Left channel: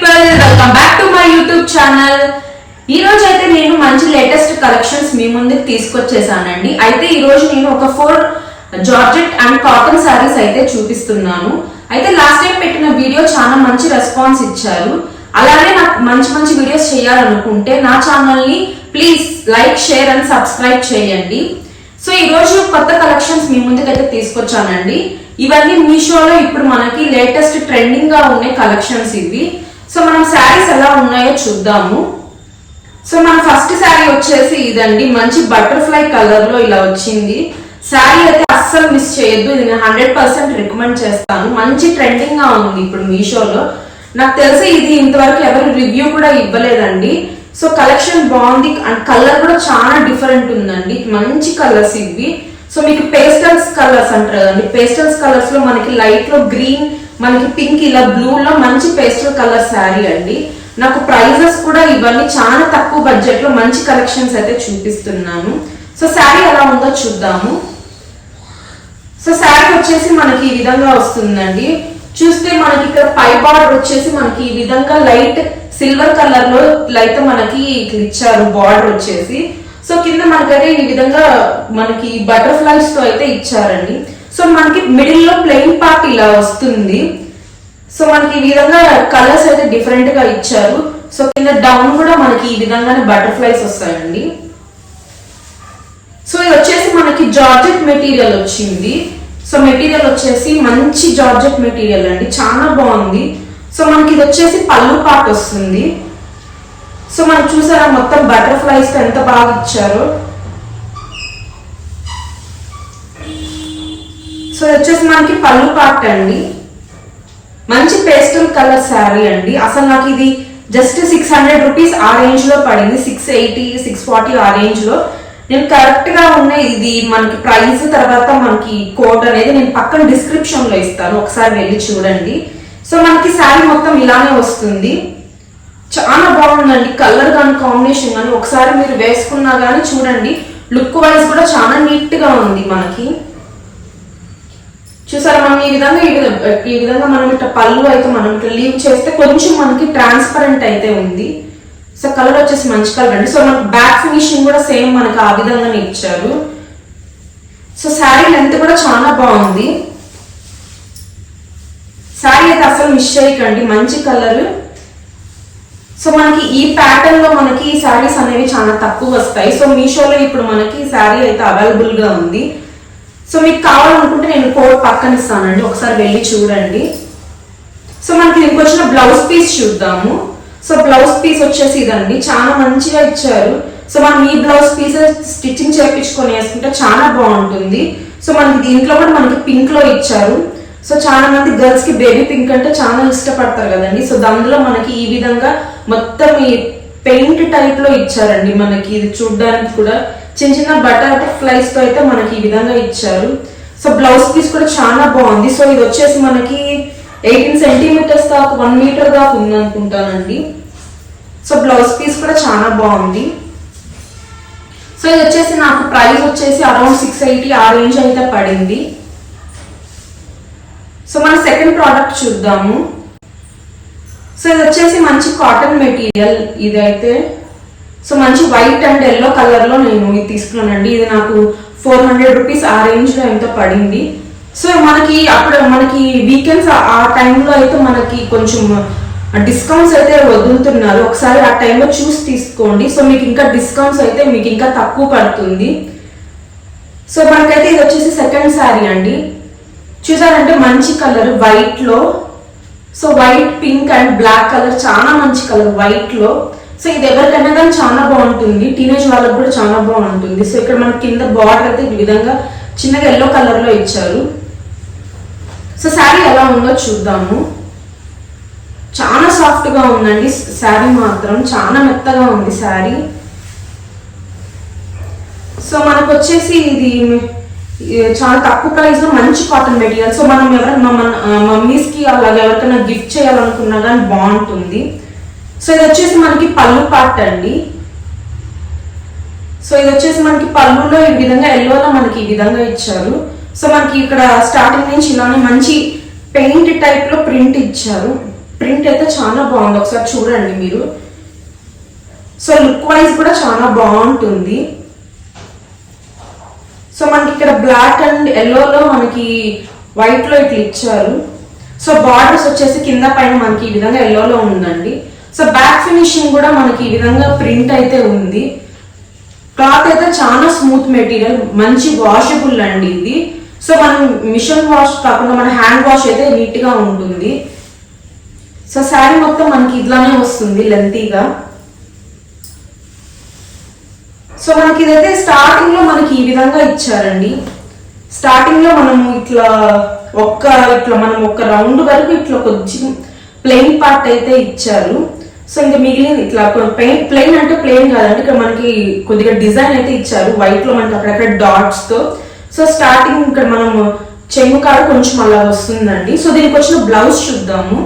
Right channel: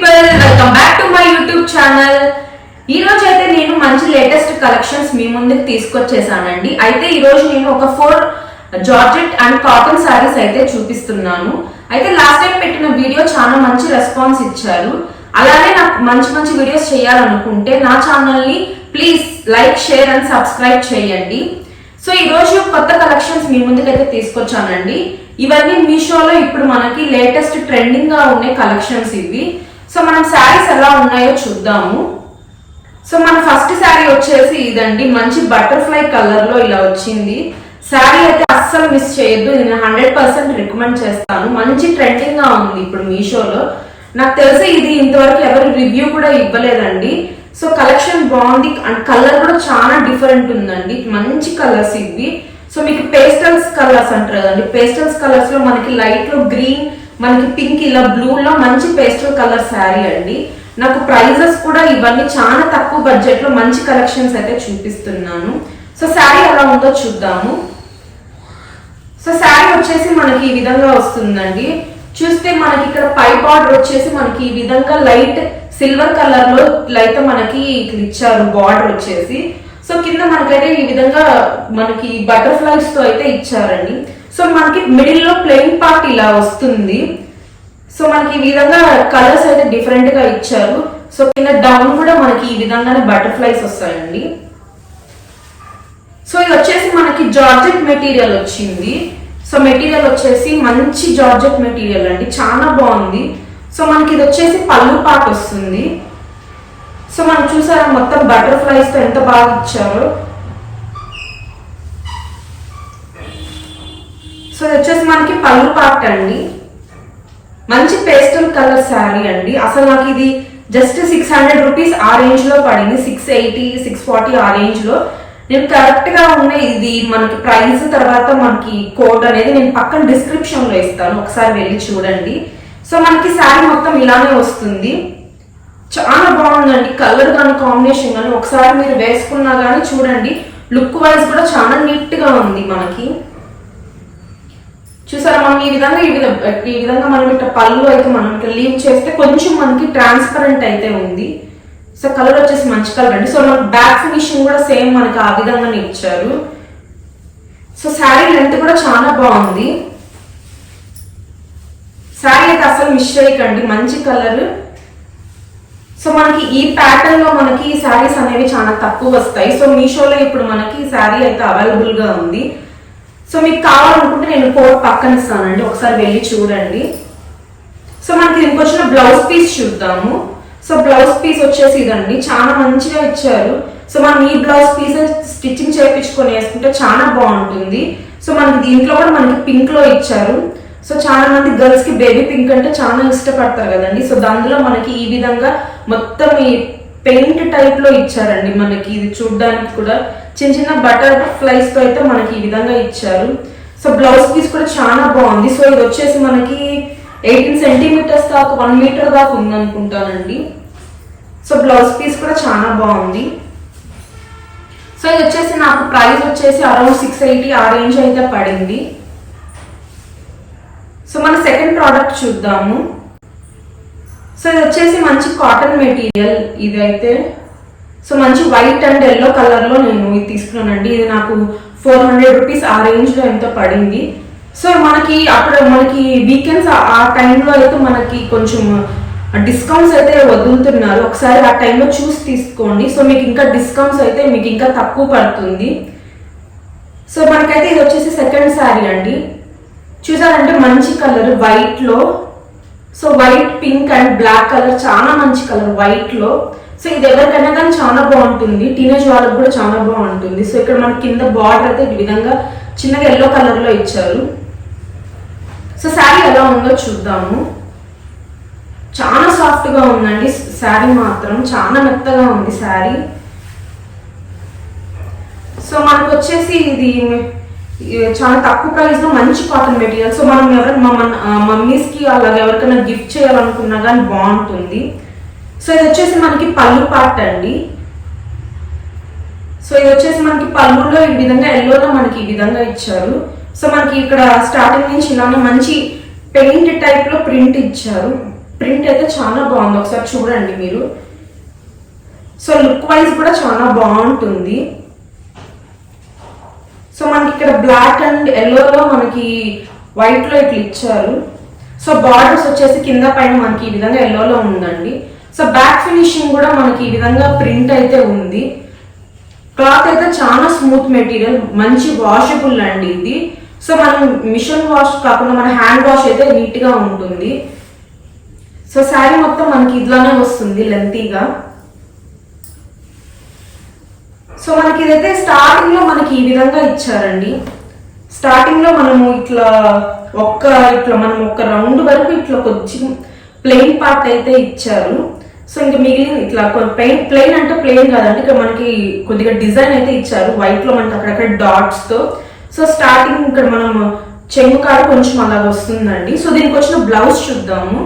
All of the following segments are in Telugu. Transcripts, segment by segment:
People welcome back to my YouTube channel ఈ రోజు అయితే నేను మంచి లేటెస్ట్ కలెక్షన్స్ మీ ముందుకు తీసుకొచ్చేసానండి. అయితే ఈ రోజు నేను ఒక four georgette and cotton saris అయితే చూపిస్తున్నాను. అయితే లాస్ట్ టైం పెట్టిన వీడియో చాలా మంచి రెస్పాన్స్ ఇచ్చారు. అలానే నాకు మంచి మంచి వీడియోస్ చేయాలనుకుంటే నా ఛానల్ని please like share and subscribe చేయండి. సో ఈ రోజు కొత్త కలెక్షన్స్ మీ ముందుకైతే తీసుకొచ్చానండి. ఇవన్నీ మీషోలో ఇప్పుడు మనకి లేటెస్ట్ ట్రెండింగ్గా ఉండే కలెక్షన్స్ ఇవి. సో మనం శారీస్ ఎలా ఉన్నాయో చూద్దాము. సో మన ఫస్ట్ శారీ వచ్చేసి ఇదండి. మంచి బటర్ఫ్లై కలర్లో ఇలా వచ్చింది. శారీ అయితే అస్సలు మిస్ చేయొద్దు. ఇది నేను హండ్రెడ్ పర్సెంట్ రికమెండ్ చేస్తాను. మంచి ట్రెండింగ్గా ఉంది ఇప్పుడు మీషోలో. నాకు తెలిసి ఇది ఇంతవరకు ఎవరు రివ్యూ కూడా ఇవ్వలేదండి. సో కలెక్షన్ బాగుంది అండ్ కలర్ కూడా చాలా డిఫరెంట్ ఉందండి. మంచి కలర్స్ ఇవి. సో మీకు పేస్టల్స్ కలర్స్ అంటారు కదండి. పేస్టల్స్ కలర్స్లో మనకి లైట్లో గ్రీన్ మనకి పింక్ ఇలా బ్లూ లో మంచి పేస్టల్ కలర్ శారీ అండి. నాకు ప్రైజెస్ కూడా ఇవన్నీ చాలా తక్కువ బడ్జెట్లో మంచి కలెక్షన్స్ అయితే చూపిస్తున్నాను. సో శారీ ఎలా ఉందో చూద్దాము. సో శారీ వచ్చేసి మనకి ఈ విధంగా వస్తుందండి. చూస్తే మనకి ఇక్కడ పై బార్డర్ వచ్చేసి మనకి ఈ విధంగా లైట్ సిల్వర్ కలర్లో అయితే మనకి ఇచ్చారు బార్డర్ వచ్చేసి. సో కింద మనకైతే ఈ విధంగా మనకి బటర్ఫ్లైస్తో అయితే ఇచ్చారండి. సో మనకి మిడిల్లో ప్లెయిన్ పార్ట్ ఇలా వస్తుంది. సో మనకి ఈ విధంగా కలర్స్ అయితే డిఫరెంట్గా ఇచ్చారు. సో కింద డౌన్ కూడా మనకి ఈ విధంగానే బటర్ఫ్లైస్ వస్తాయండి. సో ఇది వచ్చేసి మనకి జార్జెట్ మెటీరియల్ వచ్చింది. సో మెటీరియల్ వచ్చేసి మంచి జార్జెట్ మెటీరియల్ అండి. చాలా బాగుంది. సో మనకి ఇది వచ్చేసి పళ్ళు పాట వస్తుంది. సో మనం చూసారా మొత్తం బటర్ఫ్లైస్తో ఎంత బాగా ఇచ్చారో. సో ఇది వచ్చేసి మనకి పళ్ళు పాట అండి. మంచి పేస్టల్ కలర్ శారీ అండి. అసలు నాకు ఇది జస్ట్ సిక్స్ హండ్రెడ్ రూపీస్ ఆ రేంజ్లో పడింది. సిక్స్ ఎయిటీ సిక్స్ ఫార్టీ ఆ రేంజ్లో. నేను కరెక్ట్గా ఉన్న ఇది మనకి ప్రైస్ తర్వాత మనకి కోడ్ అనేది నేను పక్కన డిస్క్రిప్షన్లో ఇస్తాను. ఒకసారి వెళ్ళి చూడండి. సో మనకి శారీ మొత్తం ఇలానే వస్తుంది. చాలా బాగుందండి. కలర్ కానీ కాంబినేషన్ కానీ ఒకసారి మీరు వేసుకున్నా కానీ చూడండి. లుక్ వైజ్ కూడా చాలా నీట్గా ఉంది మనకి. చూసారా మనం ఈ విధంగా ఈ విధంగా ఈ విధంగా మనం ఇట్లా పళ్ళు అయితే మనం ఇట్లా లీవ్ చేస్తే కొంచెం మనకి ట్రాన్స్పరెంట్ అయితే ఉంది. సో కలర్ వచ్చేసి మంచి కలర్ అండి. సో మనకి బ్యాక్ ఫినిషింగ్ కూడా సేమ్ మనకి ఆ విధంగానే ఇచ్చారు. సో శారీ లెంత్ కూడా చాలా బాగుంది. శారీ అయితే అసలు మిస్ చేయకండి. మంచి కలర్ సో మనకి ఈ ప్యాటర్న్లో మనకి శారీస్ అనేవి చాలా తక్కువ వస్తాయి. సో మీషోలో ఇప్పుడు మనకి శారీ అయితే అవైలబుల్గా ఉంది. సో మీకు కావాలనుకుంటే నేను కోడ్ పక్కన ఇస్తానండి. ఒకసారి వెళ్ళి చూడండి. సో మనకి దీనికి వచ్చిన బ్లౌజ్ పీస్ చూద్దాము. సో బ్లౌజ్ పీస్ వచ్చేసి ఇదండి. చాలా మంచిగా ఇచ్చారు. సో మనం ఈ బ్లౌజ్ పీస్ స్టిచ్చింగ్ చేయించుకొని వేసుకుంటే చాలా బాగుంటుంది. సో మనకి దీంట్లో కూడా మనకి పింక్లో ఇచ్చారు. సో చాలా మంది గర్ల్స్కి బేబీ పింక్ అంటే చాలా ఇష్టపడతారు కదండి. సో దానిలో మనకి ఈ విధంగా మొత్తం ఈ పెయింట్ టైప్లో ఇచ్చారండి మనకి. ఇది చూడడానికి కూడా చిన్న చిన్న బటర్ ఫ్లైస్తో అయితే మనకి ఈ విధంగా ఇచ్చారు. సో బ్లౌజ్ పీస్ కూడా చాలా బాగుంది. సో ఇది వచ్చేసి మనకి ఎయిటీన్ సెంటీమీటర్స్ దాకా వన్ మీటర్ దాకా ఉంది అనుకుంటానండి సో బ్లౌజ్ పీస్ కూడా చాలా బాగుంది. సో ఇది వచ్చేసి నాకు ప్రైస్ వచ్చేసి అరౌండ్ సిక్స్ ఎయిటీ ఆ రేంజ్ అయితే పడింది. సో మన సెకండ్ ప్రోడక్ట్ చూద్దాము. సో ఇది వచ్చేసి మంచి కాటన్ మెటీరియల్ ఇదైతే. సో మంచి వైట్ అండ్ ఎల్లో కలర్లో నేను ఇది తీసుకున్నానండి. ఇది నాకు ఫోర్ హండ్రెడ్ రూపీస్ ఆ రేంజ్లో ఎంతో పడింది. సో మనకి అప్పుడు మనకి వీకెండ్స్ ఆ టైంలో అయితే మనకి కొంచెం డిస్కౌంట్స్ అయితే వదులుతున్నారు. ఒకసారి ఆ టైంలో చూసి తీసుకోండి. సో మీకు ఇంకా డిస్కౌంట్స్ అయితే మీకు ఇంకా తక్కువ పడుతుంది. సో మనకైతే ఇది వచ్చేసి సెకండ్ శారీ అండి. చూసారంటే మంచి కలర్ వైట్లో so white pink and black colour చాలా మంచి కలర్ వైట్లో సో ఇది ఎవరికైనా కానీ చాలా బాగుంటుంది. టీనేజ్ వాళ్ళకి కూడా చాలా బాగుంటుంది. సో ఇక్కడ మనకి కింద బార్డర్ అయితే ఈ విధంగా చిన్నగా ఎల్లో కలర్లో ఇచ్చారు. సో శారీ ఎలా ఉందో చూద్దాము. చాలా సాఫ్ట్గా ఉందండి. శారీ మాత్రం చాలా మెత్తగా ఉంది శారీ సో మనకు వచ్చేసి ఇది చాలా తక్కువ ప్రైస్లో మంచి కాటన్ మెటీరియల్ సో మనం ఎవరైనా మా మమ్మీస్కి అలాగే ఎవరికైనా గిఫ్ట్ చేయాలనుకున్నా కానీ బాగుంటుంది. సో ఇది వచ్చేసి మనకి పళ్ళు పార్ట్ అండి. సో ఇది వచ్చేసి మనకి పళ్ళులో ఈ విధంగా ఎల్లోలో మనకి ఈ విధంగా ఇచ్చారు. సో మనకి ఇక్కడ స్టార్టింగ్ నుంచి ఇలానే మంచి పెయింట్ టైప్లో ప్రింట్ ఇచ్చారు. ప్రింట్ అయితే చాలా బాగుంది. ఒకసారి చూడండి మీరు. సో లుక్ వైజ్ కూడా చాలా బాగుంటుంది. సో మనకి ఇక్కడ బ్లాక్ అండ్ ఎల్లోలో మనకి వైట్లో ఇట్లా ఇచ్చారు. సో బార్డర్స్ వచ్చేసి కింద పైన మనకి ఈ విధంగా ఎల్లోలో ఉందండి. సో బ్యాక్ ఫినిషింగ్ కూడా మనకి ఈ విధంగా ప్రింట్ అయితే ఉంది. క్లాత్ అయితే చాలా స్మూత్ మెటీరియల్ మంచి వాషబుల్ అండి ఇది. సో మనం మిషన్ వాష్ కాకుండా మన హ్యాండ్ వాష్ అయితే నీట్గా ఉంటుంది. సో శారీ మొత్తం మనకి ఇట్లానే వస్తుంది లెంతీగా సో మనకి ఇదైతే స్టార్టింగ్లో మనకి ఈ విధంగా ఇచ్చారండి. స్టార్టింగ్లో మనము ఇట్లా ఒక్క ఇట్లా మనం ఒక రౌండ్ వరకు ఇట్లా కొంచెం ప్లెయిన్ పార్ట్ అయితే ఇచ్చారు. సో ఇంకా మిగిలిన ఇట్లా ప్లెయిన్ ప్లెయిన్ అంటే ప్లెయిన్ కాదండి. ఇక్కడ మనకి కొద్దిగా డిజైన్ అయితే ఇచ్చారు. వైట్లో మనకి అక్కడక్కడ డాట్స్తో. సో స్టార్టింగ్ ఇక్కడ మనం చెంగు కాడ కొంచెం అలా వస్తుందండి. సో దీనికి వచ్చిన బ్లౌజ్ చూద్దాము.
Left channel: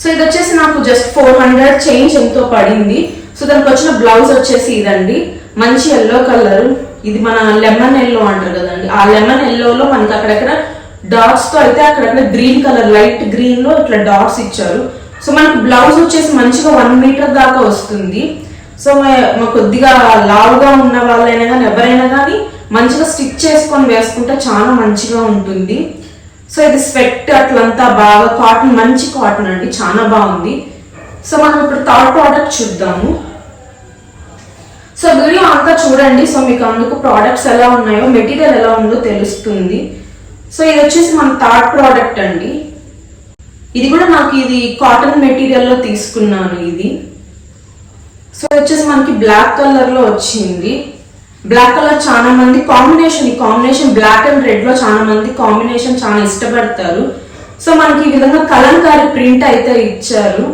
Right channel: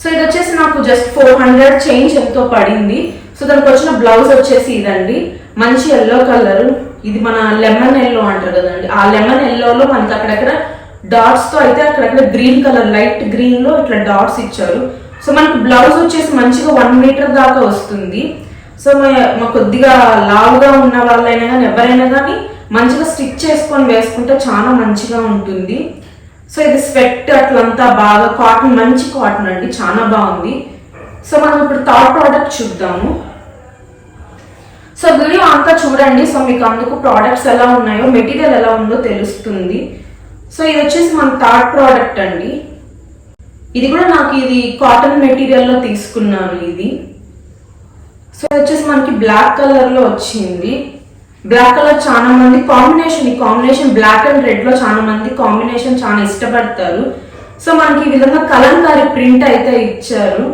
సో ఇది వచ్చేసి నాకు జస్ట్ ఫోర్ హండ్రెడ్ చేంజ్ ఎంతో పడింది. సో దానికి వచ్చిన బ్లౌజ్ వచ్చేసి ఇదండి. మంచి ఎల్లో కలర్ ఇది మన లెమన్ ఎల్లో అంటారు కదండి. ఆ లెమన్ ఎల్లోలో మనకి అక్కడక్కడ డాట్స్తో అయితే అక్కడక్కడ గ్రీన్ కలర్ లైట్ గ్రీన్లో ఇట్లా డాట్స్ ఇచ్చారు. సో మనకు బ్లౌజ్ వచ్చేసి మంచిగా వన్ మీటర్ దాకా వస్తుంది. సో మా- మా కొద్దిగా లావుగా ఉన్న వాళ్ళైనా కానీ ఎవరైనా కానీ మంచిగా స్టిచ్ చేసుకొని వేసుకుంటే చాలా మంచిగా ఉంటుంది. సో ఇది స్వెట్ అట్లంతా బాగా కాటన్ మంచి కాటన్ అండి చాలా బాగుంది. సో మనం ఇప్పుడు థర్డ్ ప్రోడక్ట్ చూద్దాము. సో వీడియో అంతా చూడండి. సో మీకు అందుకు ప్రోడక్ట్స్ ఎలా ఉన్నాయో మెటీరియల్ ఎలా ఉందో తెలుస్తుంది. సో ఇది వచ్చేసి మన థర్డ్ ప్రోడక్ట్ అండి. ఇది కూడా నాకు ఇది కాటన్ మెటీరియల్లో తీసుకున్నాను ఇది. సో వచ్చేసి మనకి బ్లాక్ కలర్లో వచ్చింది. బ్లాక్ కలర్ చాలా మంది కాంబినేషన్ ఈ కాంబినేషన్ బ్లాక్ అండ్ రెడ్లో చాలా మంది కాంబినేషన్ చాలా ఇష్టపడతారు. సో మనకి ఈ విధంగా కలంకారీ ప్రింట్ అయితే ఇచ్చారు.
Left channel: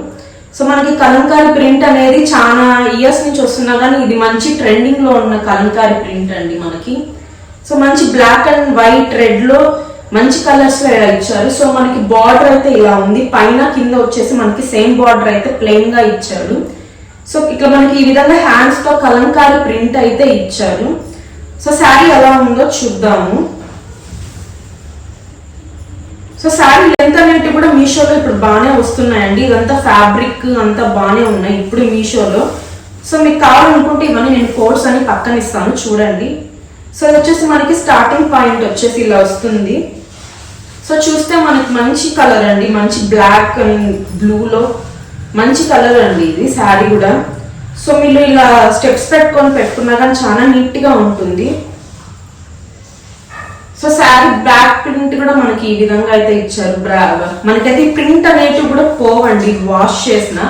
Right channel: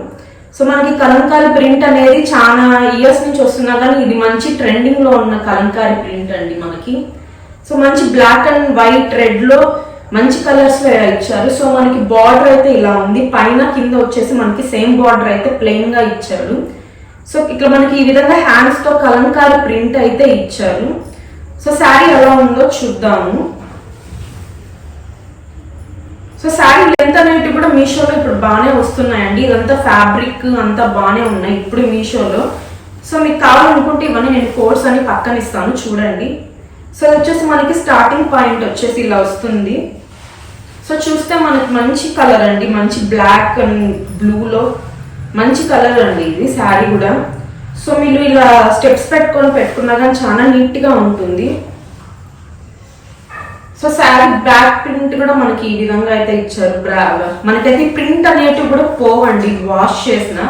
సో మనకి కలంకారీ ప్రింట్ అనేది చాలా ఇయర్స్ నుంచి వస్తున్నా కానీ ఇది మంచి ట్రెండింగ్లో ఉన్న కలంకారీ ప్రింట్ అండి మనకి. సో మంచి బ్లాక్ అండ్ వైట్ రెడ్లో మంచి కలర్స్లో ఇలా ఇచ్చారు. సో మనకి బార్డర్ అయితే ఇలా ఉంది. పైన కింద వచ్చేసి మనకి సేమ్ బార్డర్ అయితే ప్లెయిన్గా సో ఇట్లా మనకి ఈ విధంగా హ్యాండ్స్తో కలంకారీ ప్రింట్ అయితే ఇచ్చారు. సో శారీ ఎలా ఉందో చూద్దాము. సో శారీ లెంత్ అనేవి కూడా మీషోలో ఇప్పుడు బాగానే వస్తున్నాయండి. ఇదంతా ఫ్యాబ్రిక్ అంతా బాగానే ఉన్నాయి ఇప్పుడు మీషోలో. సో మీకు కావాలనుకుంటే ఇవన్నీ నేను కోడ్స్ అని పక్కన ఇస్తాను. చూడండి. సో ఇది వచ్చేసి మనకి స్టార్టింగ్ పాయింట్ వచ్చేసి ఇలా వస్తుంది. సో చూస్తే మనకి మంచి కలర్ అండి. మంచి బ్లాక్ అండ్ బ్లూలో మంచి కలర్ అండి ఇది శారీ కూడా. సో మీరు ఇలా స్టెప్స్ పెట్టుకొని పెట్టుకున్నా కానీ చాలా నీట్గా ఉంటుంది. సో శారీ బ్యాక్ ప్రింట్ కూడా మనకి ఈ విధంగా అయితే ఇచ్చారు బ్రా మనకైతే ఈ ప్రింట్ అనేటివి కూడా పోవండి వాష్ చేసిన.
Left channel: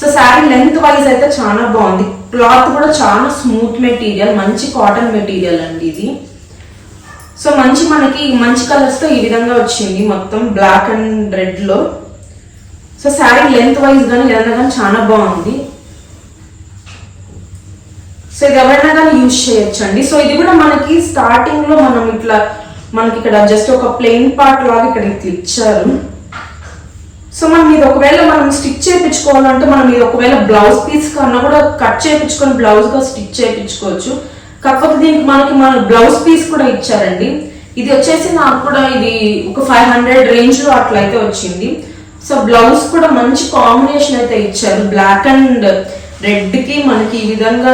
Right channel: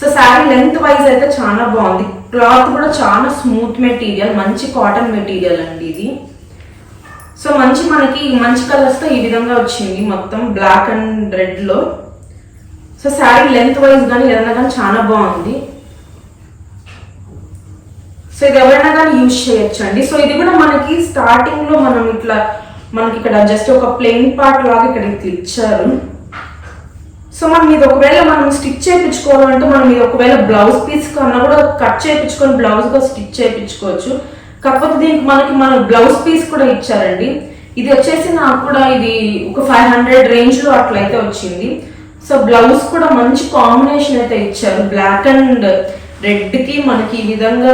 సో శారీ లెంత్ వైజ్ అయితే చాలా బాగుంది. క్లాత్ కూడా చాలా స్మూత్ మెటీరియల్ మంచి కాటన్ మెటీరియల్ అండి ఇది. సో మంచి మనకి మంచి కలర్స్తో ఈ విధంగా వచ్చింది. మొత్తం బ్లాక్ అండ్ రెడ్లో సో శారీ లెంత్ వైజ్ కానీ ఏదైనా కానీ చాలా బాగుంది. సో ఇది ఎవరైనా కానీ యూజ్ చేయొచ్చండి. సో ఇది కూడా మనకి స్టార్టింగ్లో మనం ఇట్లా మనకి ఇక్కడ జస్ట్ ఒక ప్లెయిన్ పార్ట్ లాగా ఇక్కడ ఇట్లా ఇచ్చారు. సో మనం ఇది ఒకవేళ మనం స్టిచ్ చేయించుకోవాలంటే మనం ఇది ఒకవేళ బ్లౌజ్ పీస్ కన్నా కూడా కట్ చేయించుకొని బ్లౌజ్గా స్టిచ్ చేయించుకోవచ్చు. కాకపోతే దీనికి మనకి మన బ్లౌజ్ పీస్ కూడా ఇచ్చారండి. ఇది వచ్చేసి నాకు కూడా ఇది ఒక ఫైవ్ హండ్రెడ్ రేంజ్లో అట్లయితే వచ్చింది. సో బ్లౌజ్ కూడా మంచి కాంబినేషన్ అయితే ఇచ్చారు. బ్లాక్ అండ్ రెడ్కి మనకి ఈ విధంగా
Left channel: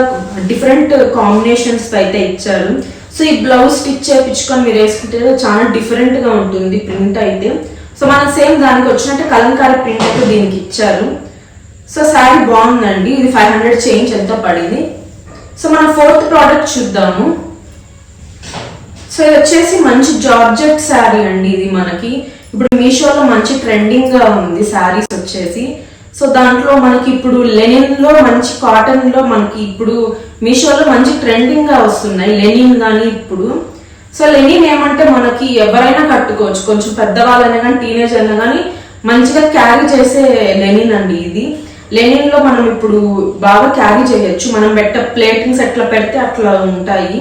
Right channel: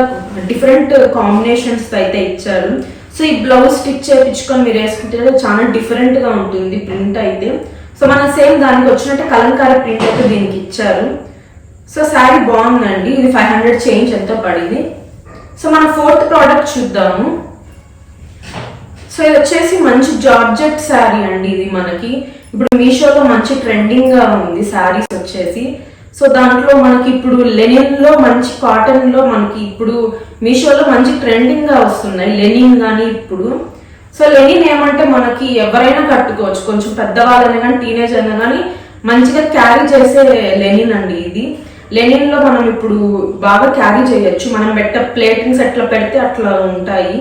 డిఫరెంట్ కాంబినేషన్స్ అయితే ఇచ్చారు. సో ఈ బ్లౌజ్ స్టిచ్ చేయించుకొని మీరు వేసుకుంటే చాలా డిఫరెంట్గా ఉంటుంది ప్రింట్ అయితే. సో మనం సేమ్ దానికి వచ్చినట్టు కలంకారీ ప్రింట్ అయితే దీనికి ఇచ్చారు. సో శారీ బాగుందండి. ఇది ఫైవ్ హండ్రెడ్ చేంజ్ ఎంతో పడింది? సో మన ఫోర్త్ ప్రోడక్ట్ చూద్దాము. సో ఇది వచ్చేసి మంచి జార్జెట్ శారీ అండి ఇది మనకి. ఇప్పుడు మీషోలో మంచి ట్రెండింగ్గా ఉంది శారీస్ వచ్చేసి. సో దాంట్లో మనకి ఇప్పుడు లెనిన్లో మంచి కాటన్లో మనకి ఇప్పుడు మీషోలో మంచి ట్రెండింగ్గా వస్తున్నాయి లెనిన్ కానీ ఇప్పుడు. సో లెనిన్ ఏమంటే మనకి ఎవరైనా కట్టుకోవచ్చు. కొంచెం పెద్దవాళ్ళైనా కానీ టీనేజ్ అయినా కానీ మంచిగా క్యారీ చేసే లెనిన్ అండి ఇది. లెనిన్లో మనం ఇప్పుడు బాగా క్యారీ చేయొచ్చు. మనం పెట్ట ప్లేటింగ్స్ ఎట్లా పెడితే అట్లా ఉంటాయి.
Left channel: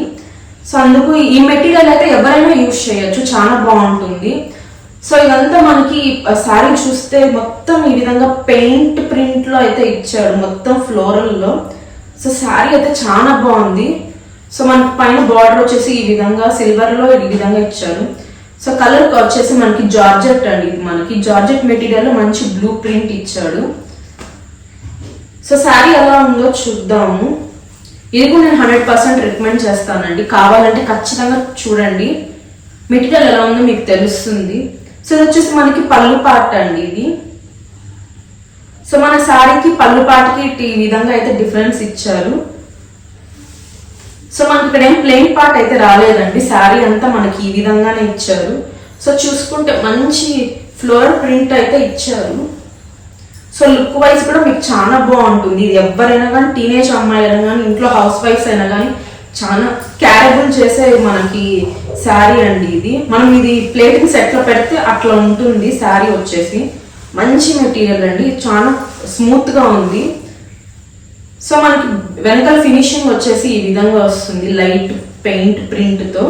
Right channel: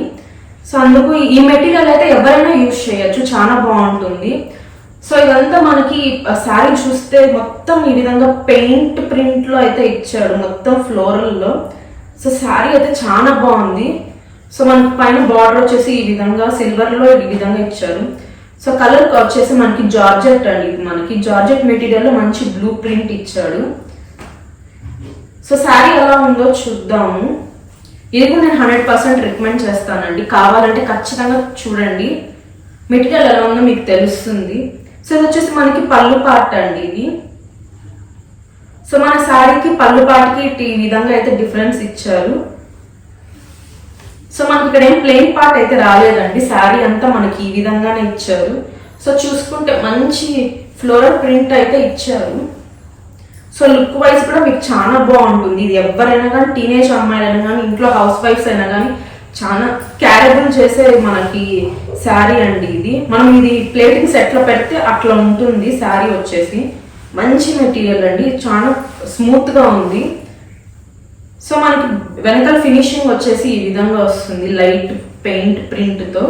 సో అందుకు ఈ మెటీరియల్ అయితే ఎవరైనా యూజ్ చేయొచ్చు. చాలా బాగుంటుంది. సో ఇదంతా మనకి శారీ చూస్తే మొత్తం ఈ విధంగా పెయింట్ ప్రింట్లో అయితే ఇచ్చాడు మొత్తం ఫ్లోరల్లో. సో శారీ అయితే చాలా బాగుంది. సో మనకి పైన బార్డర్ వచ్చేసి ఈ విధంగా సిల్వర్లో ఈ విధంగా ఇచ్చారు. సో కలర్ వచ్చేసి మనకి జార్జెట్ అండి ఇది మనకి. జార్జెట్ మెటీరియల్లో మంచి బ్లూ ప్రింట్ ఇచ్చాడు. సో శారీ ఎలా ఉందో చూద్దాము. ఇది కూడా నేను హండ్రెడ్ పర్సెంట్ రికమెండ్ చేస్తానండి. కావాలంటే ఖచ్చితంగా చూడండి. మెటీరియల్ ఎలా ఉందో మీకు తెలుస్తుంది. సో ఇది వచ్చేసి మనకి పళ్ళు పాట అండి ఇది. సో మన శారీకి పళ్ళు పాటికి ఇటు ఈ విధంగా అయితే డిఫరెన్స్ ఇచ్చారు. సో మనకి ఇక్కడ ఏం ప్లెయిన్ పార్ట్ అయితే రాలేదండి. శారీ అంతా మనకి ఈ విధంగానే ఇచ్చారు. సో చూసుకుంటే మంచి ఫ్లోరల్ ప్రింట్ అయితే ఇచ్చారు. సో లుక్ వైజ్ కూడా మీకు చాలా బాగుంటుంది. ఇది ఎవరైనా కానీ టీనేజ్ అమ్మాయిలైనా కానీ ఇంట్లో హౌస్ వైఫ్స్ అయినా కానీ చాలా క్యారబుల్ చేసే మనకి శారీ అండి ఇది. మనం ఇది ప్లేటింగ్ సెట్లో పెడితే అట్లా ఉంటుంది శారీ వచ్చేసి. మంచి మెటీరియల్ అండి. చాలా స్మూత్గా ఉంది. సో మనకి వెనకాల ఫినిషింగ్ వచ్చేసి ఈ విధంగా వస్తుంది. లైట్ పెయింట్ ప్రింట్తో.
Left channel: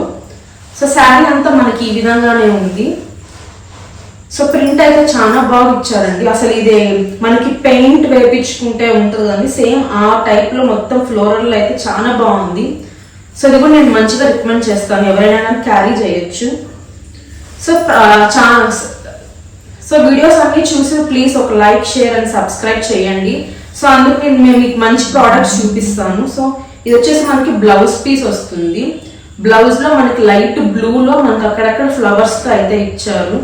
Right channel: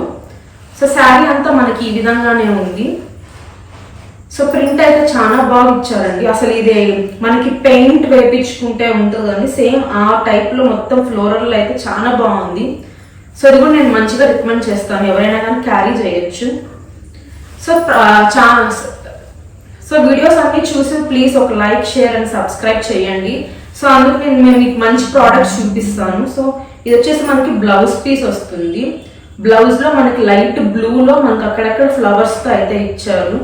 సో శారీ అంతా మనకి ఈ విధంగానే ఉంది. సో ప్రింట్ అయితే చాలా బాగా ఇచ్చారండి. అసలు ఇది మనకి పెయింట్ వేపించుకుంటే ఉంటుంది కానీ సేమ్ ఆ టైప్లో మొత్తం ఫ్లోరల్ అయితే చాలా బాగుంది. సో ఇది కూడా నేను మంచిగా రికమెండ్ చేస్తాను. ఎవరైనా కానీ క్యారీ చేయొచ్చు. సో చా సో వీడియోస్ అన్నీ చూసి ప్లీజ్ ఒక లైక్ షేర్ అండ్ సబ్స్క్రైబ్ చేయండి. సో అందుకు నేను మేము మీకు మంచి ప్రోడక్ట్స్ చూపిస్తాను. సో ఇది వచ్చేసి మనకి బ్లౌజ్ పీస్ వస్తుంది. బ్లౌజ్లో మనకి లైట్ బ్లూలో మనకి అక్కడక్కడ ఫ్లవర్స్తో అయితే ఇచ్చారు.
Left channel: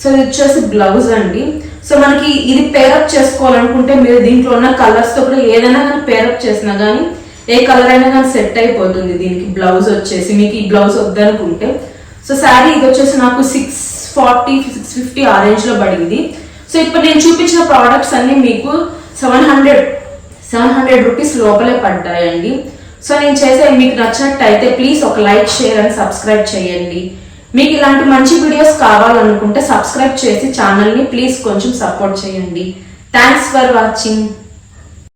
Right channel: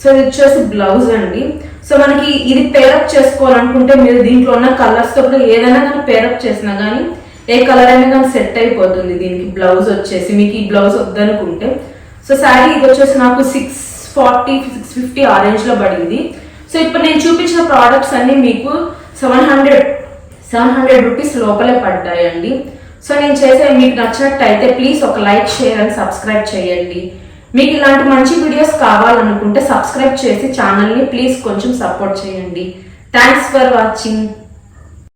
సో ఇది వచ్చేసి బ్లౌజ్ అండి. సో మనకి ఇది పేరప్ చేసుకోవాలనుకుంటే మీరు దీంట్లో ఉన్న కలర్స్తో కూడా ఏదైనా కానీ పేరప్ చేసినా కానీ ఏ కలర్ అయినా కానీ సెట్ అయిపోతుంది దీనికి బ్లౌజ్ వచ్చేసి. మీకు ఈ బ్లౌజ్ వద్దనుకుంటే. సో శారీ ఇది వచ్చేసి నాకు సిక్స్ ఫార్టీ సిక్స్ ఫిఫ్టీ ఆ లో పడింది. సో ఇప్పుడు నేను చూపించిన ప్రోడక్ట్స్ అన్ని మీకు seven hundred seven hundred rupees లోపలే పడ్డాయండి. సో నేను చేసే మీకు నచ్చినట్టు అయితే ప్లీజ్ ఒక లైక్ షేర్ అండ్ సబ్స్క్రైబ్ చేయండి. మీకు ఇలాంటి మంచి వీడియోస్ కావాలనుకుంటే సబ్స్క్రైబ్ చేసి ఛానల్ని ప్లీజ్ కొంచెం సపోర్ట్ చేయండి. Thanks for watching